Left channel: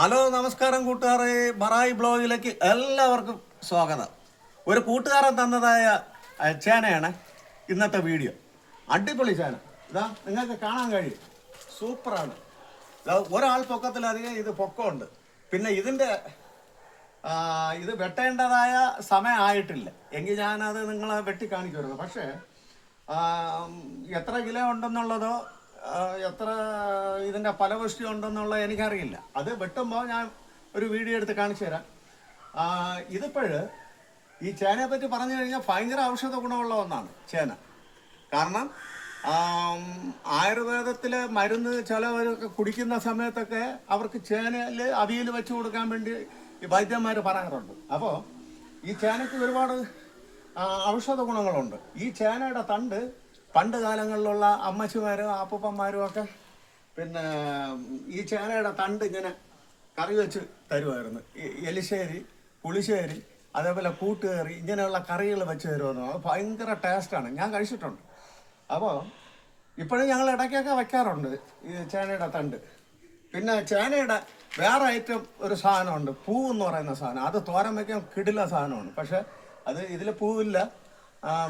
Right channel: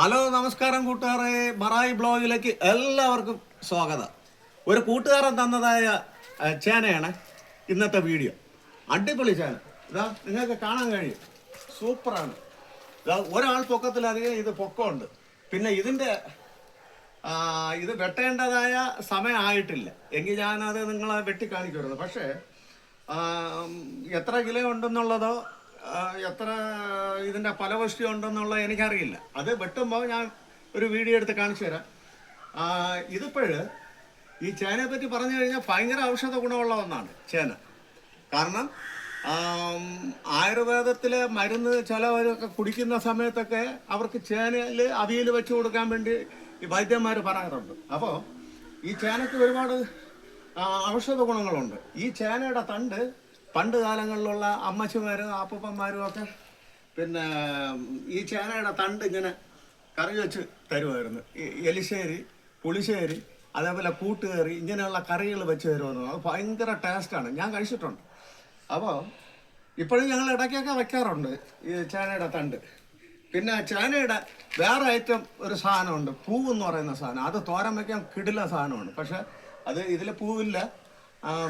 Hello നമസ്കാരം കൂട്ടുകാരെ. മറായി ബ്ലോഗിലേക്ക് എല്ലാവർക്കും സ്വാഗതം. ഒരു കൂട്ടുകാരൻ തന്നതായ ചേനയാണ് ഇന്നത്തെ വീഡിയോ. അടിപൊളി ചേന. ഇതാ നിങ്ങൾക്ക് കാണാൻ കഴിയും. സൂപ്പറാണ്. ഇതാ ഒരാൾ പൊക്കത്തിലധികം ഇത് പൊക്കമുണ്ട്. പിന്നെ ഇതിന്റെ ഇത് വെട്ടേണ്ടതായ സമയമായിട്ടില്ല എങ്കിൽ ഞാനത് നിങ്ങളെ വെട്ടി കാണിക്കുമായിരുന്നു പക്ഷേ എത്ര കിലോ ഉണ്ടെന്നുള്ളതോ എത്ര ഇതിന്റെ ഫലപുഷ്ടി ഉണ്ടെന്നുള്ളത് എനിക്കറിയില്ല. അത് വെട്ടുമ്പോൾ ഞാൻ ഒരു വീഡിയോ എടുത്ത് കാണിച്ചു തരാം. ഇതിപ്പോഴ് ഈ ചേനയെ പറ്റി പറഞ്ഞു കഴിഞ്ഞാൽ ഭയങ്കര ഔഷധ ഗുണമുള്ള ഒന്നാണ് ചേന. കാരണം ആയുർവേദത്തിലെ മരുന്ന് ചിലവരൊക്കെ കുടിക്കുന്ന സമയത്തൊക്കെ അവർക്ക് ചേനയിൽ അവിയൽ വെച്ച് കൊടുക്കാൻ വേണ്ടി ഈ വൈദ്യന്മാർ പറയാറുണ്ട്. അപ്പോൾ ഈ ചേനയ്ക്ക് ഒരുപാട് ഔഷധ ഗുണങ്ങളുണ്ട്. ഈ ചേനയുടെ തണ്ട് പണ്ട് കാലങ്ങളിലുള്ള അമ്മച്ചിമാരും അപ്പൂപ്പന്മാരും ഒക്കെ പിന്നെ ഈ ചേനയുടെ തണ്ട് ഇങ്ങനെ കറി വെച്ച് തരുമായിരുന്നു എലിശ്ശേരി പുളിശ്ശേരി അതേപോലെ കൂട്ടുകറി ഇങ്ങനെയുള്ള കറികൾ വെച്ച് തരുമെന്ന് അത് ഭയങ്കര ടേസ്റ്റാണ് ഞാൻ കഴിച്ചിട്ടുണ്ട്. അപ്പോൾ ഇപ്പോഴും ഞങ്ങൾ ഇടയ്ക്കൊക്കെ വയ്ക്കാറുണ്ട് ഈ ചേനയുടെ തണ്ട്. പിന്നെ ചേനയുടെ വേറെ ഐറ്റം ഒരു സാധനമുണ്ട്. പൂവ് എന്ന് പറയുന്ന സാധനം. അത് തോരൻ വയ്ക്കാൻ കിടില സാധനമാണ്. പക്ഷേ അത് ഇതിൽ പൂവില്ല.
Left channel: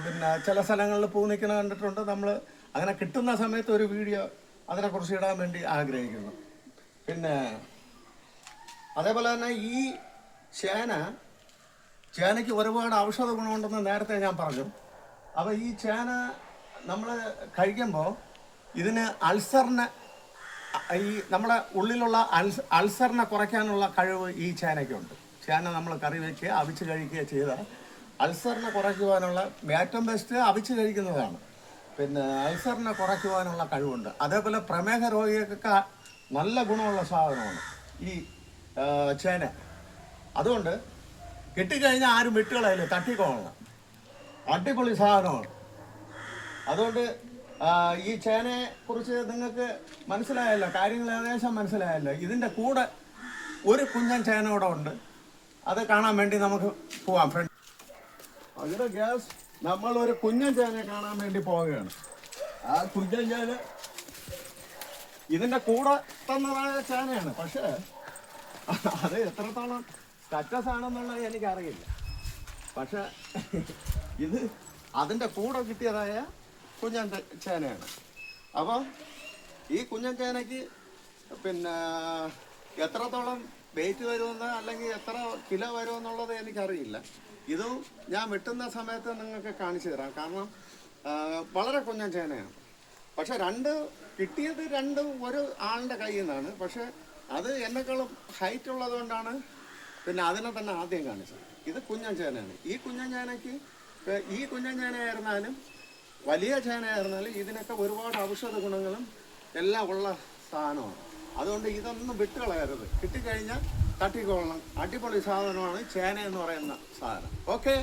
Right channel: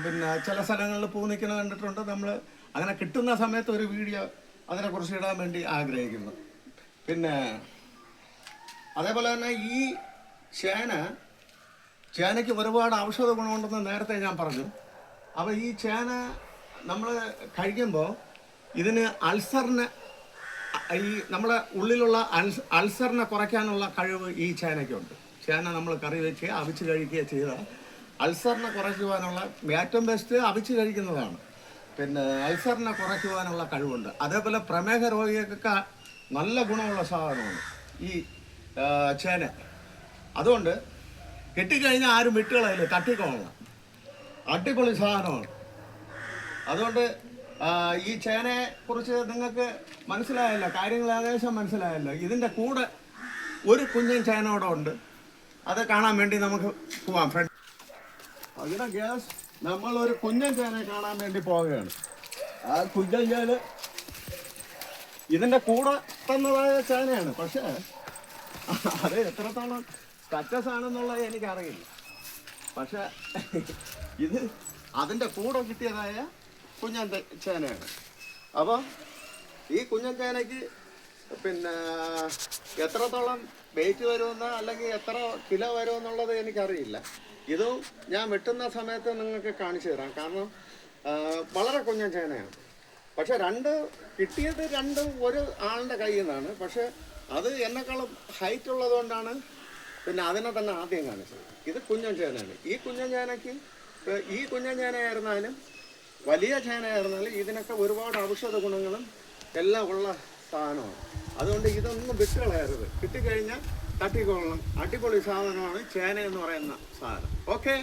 പിന്നെ ചില സ്ഥലങ്ങളിൽ പൂ കണ്ടിട്ടുണ്ട്. നമ്മൾ അങ്ങനെ കിട്ടുന്ന സമയത്ത് ഒരു വീഡിയോ അതിനെക്കുറിച്ച് ഇടാൻ വേണ്ടി ആഗ്രഹിക്കുന്നു. പിന്നെ അതേപോലെ തന്നെ ഈ ചേന ചേനയ്ക്ക് ഒരുപാട് ഔഷധ ഗുണമുണ്ടെന്ന് നേരത്തെ ഞാൻ പറഞ്ഞു. അപ്പോൾ ഈ ചേന നമ്മൾ കഴിക്കുമ്പോൾ ഇതിന് അൾസറിനെ ഈ നമ്മുടെ ഉള്ളിലുള്ള അൾസ് അൾസറിനെ കുറയ്ക്കാനുള്ള കഴിവ് ഈ ചേനയ്ക്കുണ്ട്. ചേന നമ്മൾ കറി വയ്ക്കുക അവിച്ച് കഴിക്കുക ചെയ്താൽ അൾസറിനെ കുറയ്ക്കുവാനുള്ള ഏറ്റവും ബെസ്റ്റ് അവിച്ച് കഴിക്കുന്നതാണ്. പിന്നെ അൾസറിനെ കുറയ്ക്കുവാനുള്ള കഴിവുണ്ട്. അതേപോലെ പ്രമേഹ രോഗികൾക്കൊക്കെ നല്ല ഗുണമുള്ള സാധനമാണ് ഈ ചേന. അതുകൊണ്ട് കിട്ടിക്കഴിഞ്ഞാൽ ആരും വിട്ടുകളയില്ല തട്ടിക്കോളണം അടിപൊളി സാധനമാണ്. അതുകൊണ്ട് ഈ ചേനയെ കുറിച്ച് നിങ്ങൾക്ക് മനസ്സിലായല്ലോ കാര്യങ്ങൾ ഏകദേശം മനസ്സിലായല്ലോ. ഇതിന്റെ കൂടെ ഒരു കുഞ്ഞൻ ചേന ഇവിടെ ഉണ്ട്. അത് കാണാൻ വേണ്ടി നമുക്ക് പോവാം. ഫ്രണ്ട് അതിന്റെ ഗ്യാസ് നമ്മൾ ഒരു കുഞ്ഞൻ ചേനെ കാണാൻ വേണ്ടി പോവുകയാണ്. ആ കുഞ്ഞൻ ചേന ഇതിന്റെ കൂടെ തന്നതായ ചേനയാണ്. പക്ഷേ അത് എത്രത്തോളം സക്സസ് ആണെന്നുള്ളത് എനിക്കറിയില്ല. പക്ഷെ ഇത് അതിന്റെ കൂടെ കിട്ടിയതായ കുഞ്ഞൻ ചേനയാണ്. അപ്പോൾ ഈ കുഞ്ഞൻ ചേനയ്ക്ക് പിന്നെ എത്രത്തോളം വെയിറ്റ് വരുമെന്ന് അല്ലെങ്കിൽ എത്ര കിലോ വരുമെന്നുള്ളത് എനിക്കറിയില്ല. ഇത് ഞാൻ വെട്ടുന്ന സമയത്ത് നിങ്ങൾക്ക് കാണിച്ചു തരാം. കാരണം വളരെ കുഞ്ഞൻ ചേനയാണ്. പക്ഷെ രണ്ട് കിട്ടിയത് രണ്ട് ഒരു ആളിന്റെ കയ്യിൽ നിന്നാണ്. പക്ഷെ അത് എന്നെക്കാളും ഹൈറ്റ് ഉള്ളതുകൊണ്ടാണ് പിന്നെ അതിനെ തന്നെ ആദ്യം കാണിച്ചത്. ഇത് കുഞ്ഞൻ ചേനയാണ്. ഈ കുഞ്ഞൻ ചേനയ്ക്ക് ഈ കുഞ്ഞൻ ചേനയായിരുന്നാലും വലിയ ചേനയായിരുന്നാലും ഇതിനൊക്കെ ഒരുപാട് ഔഷധ ഗുണങ്ങളും എല്ലാം ഉള്ള സാധനമാണ്. അതുകൊണ്ട് ഇതൊന്നും വിട്ടുകളയരുത്. കിട്ടിക്കഴിഞ്ഞാൽ തട്ടിക്കൊള്ളണം. അടിപൊളി സാധനമാണ് ചേന എന്ന് പറയുന്ന സാധനം. ഓക്കെ